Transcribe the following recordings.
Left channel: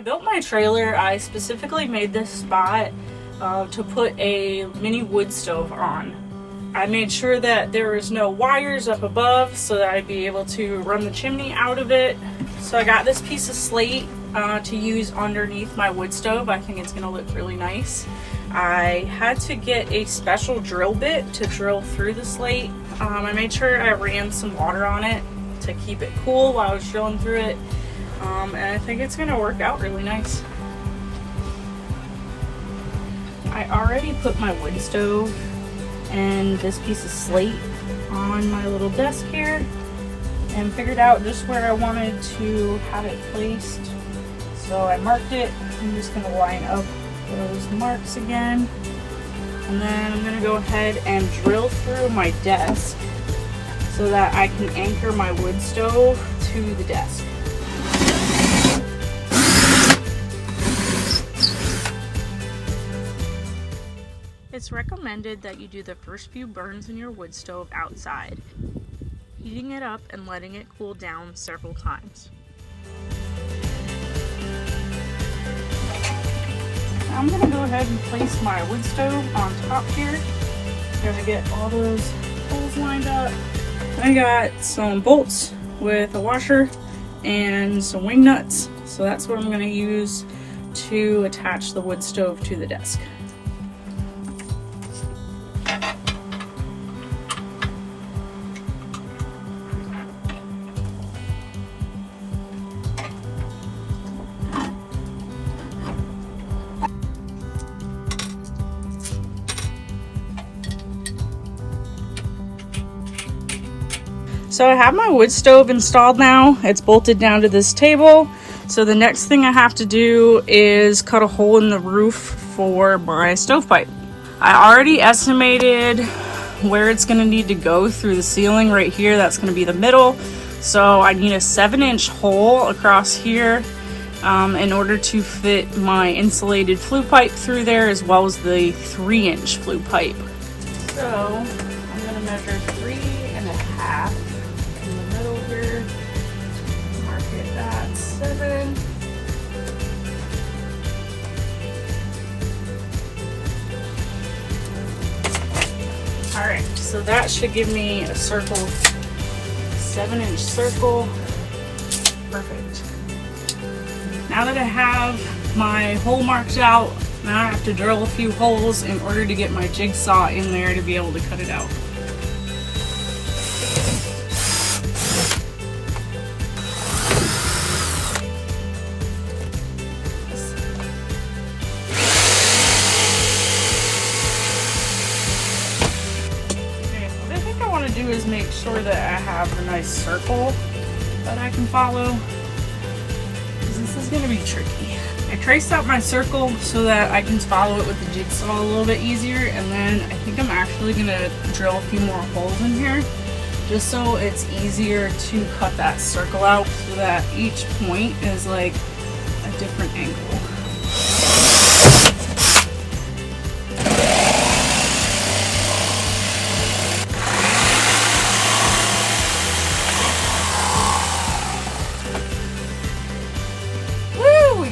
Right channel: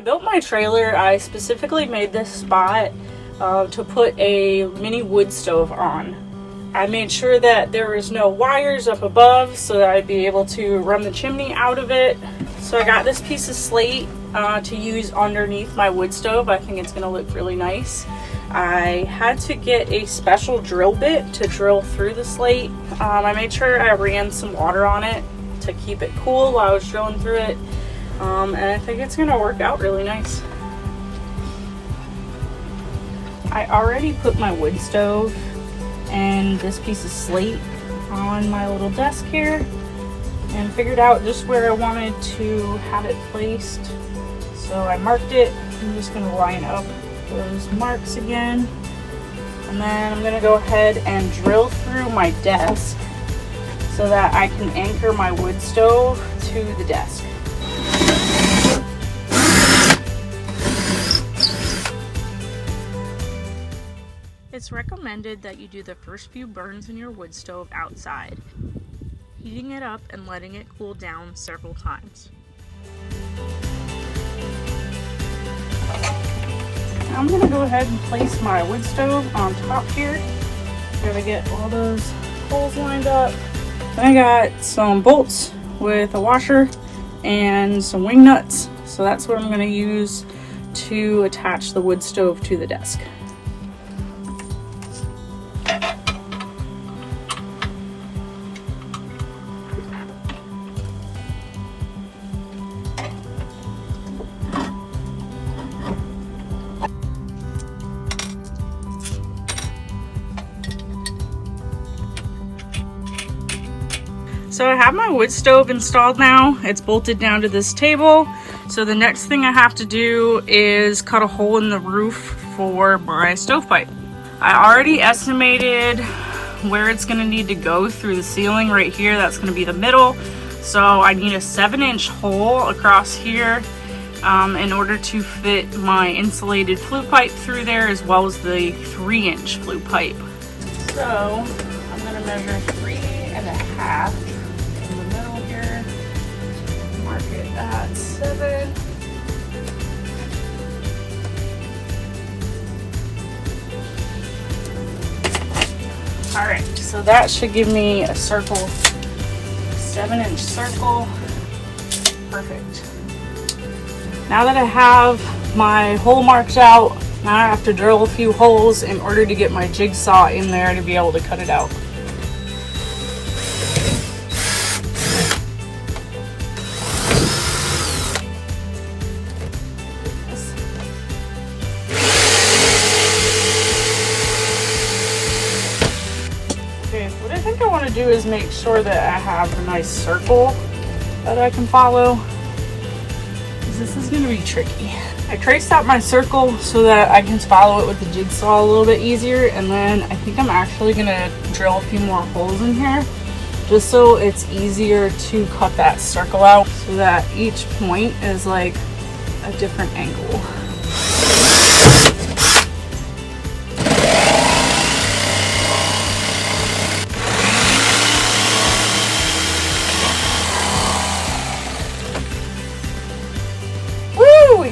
I built my trailer, I specifically made this spot to put a mini wood stove on. I made sure that there was no wires up above so that I'd be able to run the chimney out of it. So I got this piece of slate to use underneath my wood stove. I think it's gonna look really nice. I had to get a special drill bit to drill through the slate. I made sure I ran some water on it to keep it cool while I was drilling through it. And I think it's gonna work out really nice. I already put my wood stove and this piece of slate on my little desk here and figured out just where I wanted to have it placed. So I marked it. I'm just gonna line up those marks again. And then I'm gonna go ahead and drill through my desk so that I can anchor my wood stove to the desk. It's recommended that you do the first few burns in your wood stove outside, heating it up and letting it cool down several times. I'm going to go ahead and place my wood stove on top here. Gotta get all those holes lined up. I got some bolts with a washer and some wing nuts, so that's what I'm going to use to attach the wood stove to the desk. So I have my wood stove installed now. It's bolted down to this table. So the next thing I have to do is cut a hole in the roof for my stovepipe. I already estimated where it's gonna need to go through the ceiling right here. That's gonna be the middle. So I need a 7-inch hole across here in order to fit my insulated flue pipe through there, as well as the 3-inch flue pipe. So I'm gonna measure 3.5. Here, mark it at 7. All right, so that should give me a circle, 7-inch circle. Perfect. Now that I have my hole marked out, now I have to drill a few holes in order to get my jigsaw in there to be able to cut it out. Do is make sure that I have a nice circle that I can follow, because this is going to be tricky. I traced out my circle so that I can follow it with the jigsaw a little bit easier, and then I think I'm actually going to drill a few more holes in here just so it's easier to cut that circle out, so that each point is like a different angle.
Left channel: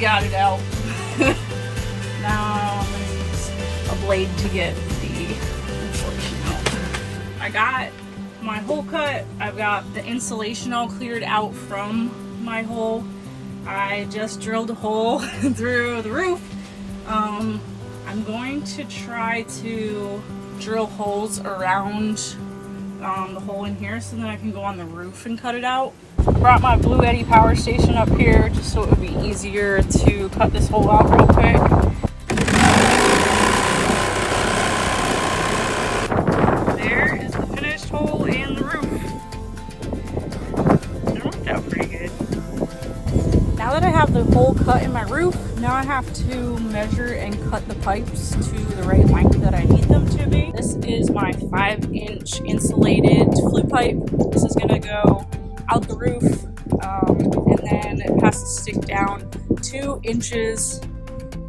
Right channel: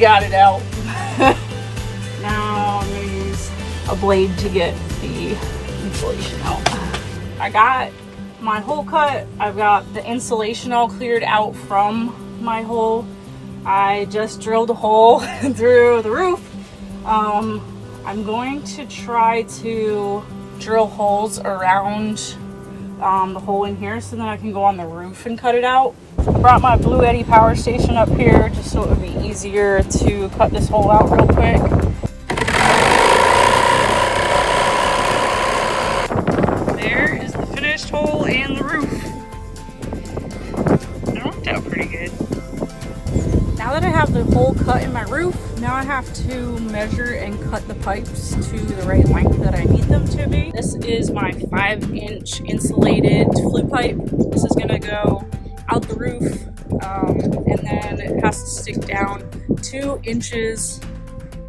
Got it out. Now I'm going to use a blade to get the insulation out. I got my hole cut. I've got the insulation all cleared out from my hole. I just drilled a hole through the roof. I'm going to try to drill holes around the hole in here so that I can go on the roof and cut it out. I brought my Blue Eddy power station up here just so it would be easier to cut this hole out real quick. There is the finished hole and the roof. It worked out pretty good. Now that I have the hole cut in my roof, now I have to measure and cut the pipes to the right length that I need them to be. This is my 5-inch insulated flue pipe. This is gonna go out the roof, and then it has to stick down 2 inches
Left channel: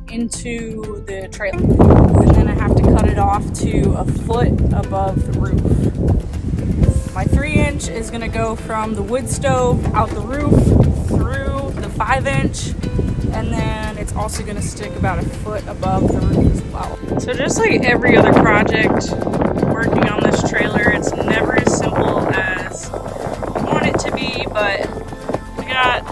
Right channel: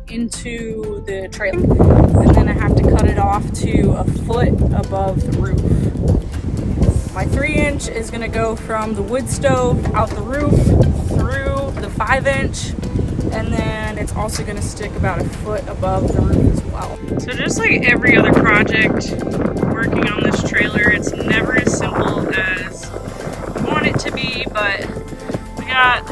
into the trailer, and then I have to cut it off to a foot above the roof. My 3-inch is going to go from the wood stove out the roof through the 5-inch, and then it's also going to stick about a foot above the roof as well. So just like every other project working on this trailer, it's never as simple as you want it to be, but we got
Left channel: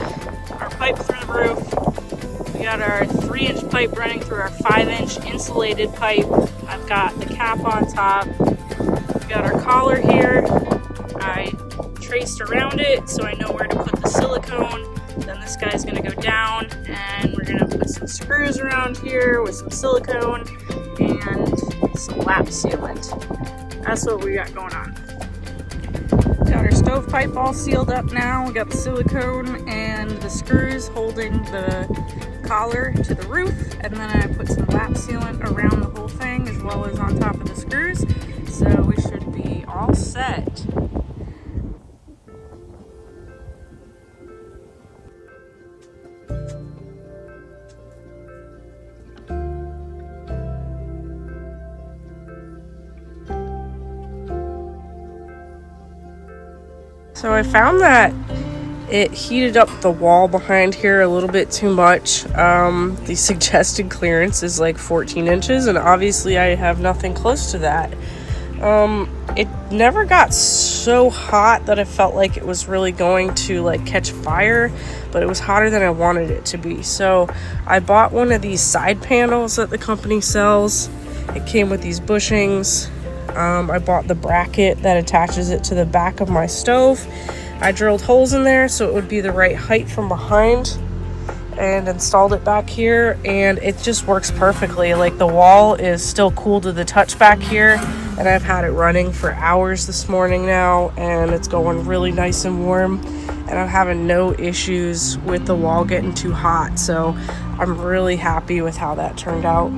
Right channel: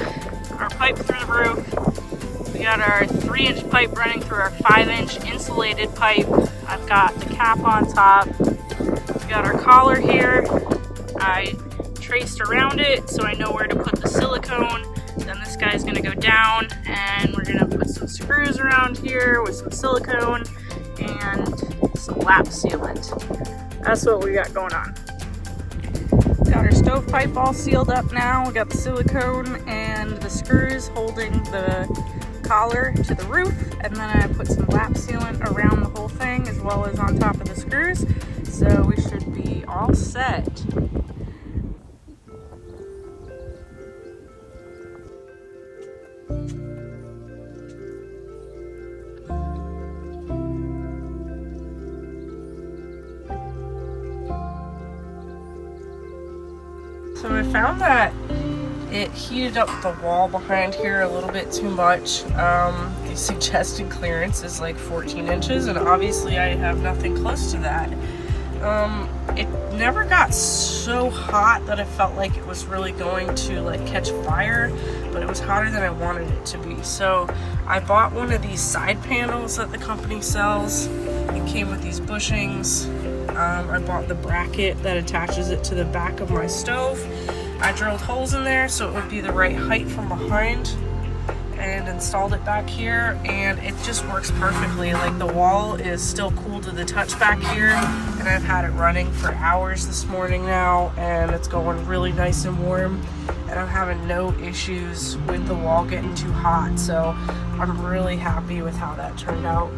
our pipe through the roof. We got our 3-inch pipe running through our 5-inch insulated pipe. I've got the cap on top. We got our collar here. I traced around it so I know where to put the silicone. Then this guy's gonna go down and we're gonna put some screws around here with some silicone and some lap sealant. That's what we got going on. Got our stovepipe all sealed up now. We got the silicone and the screws holding the collar to the roof, and then I put some lap sealant around the whole thing as well as on top of the screws. So we should be all set. So I found that it heated up the wall behind here a little bit too much. The suggested clearance is like 14 inches, and obviously I have nothing close to that. It never got so hot that it felt like it was really going to like catch fire, but it was hotter than I wanted it to be. So I bought one of these side panels that the company sells. It came with these bushings. I bought the bracket that attaches it to the back of my stove. I drilled holes in there so it would be the right height from behind and installed it back here, and it just works perfectly. Like, the wall is still cool to the touch back here, and I've had it running for hours this morning now, and it's going really nice and warm, and I'm having no issues with the wall getting too hot. So I'm really happy with how that turned out.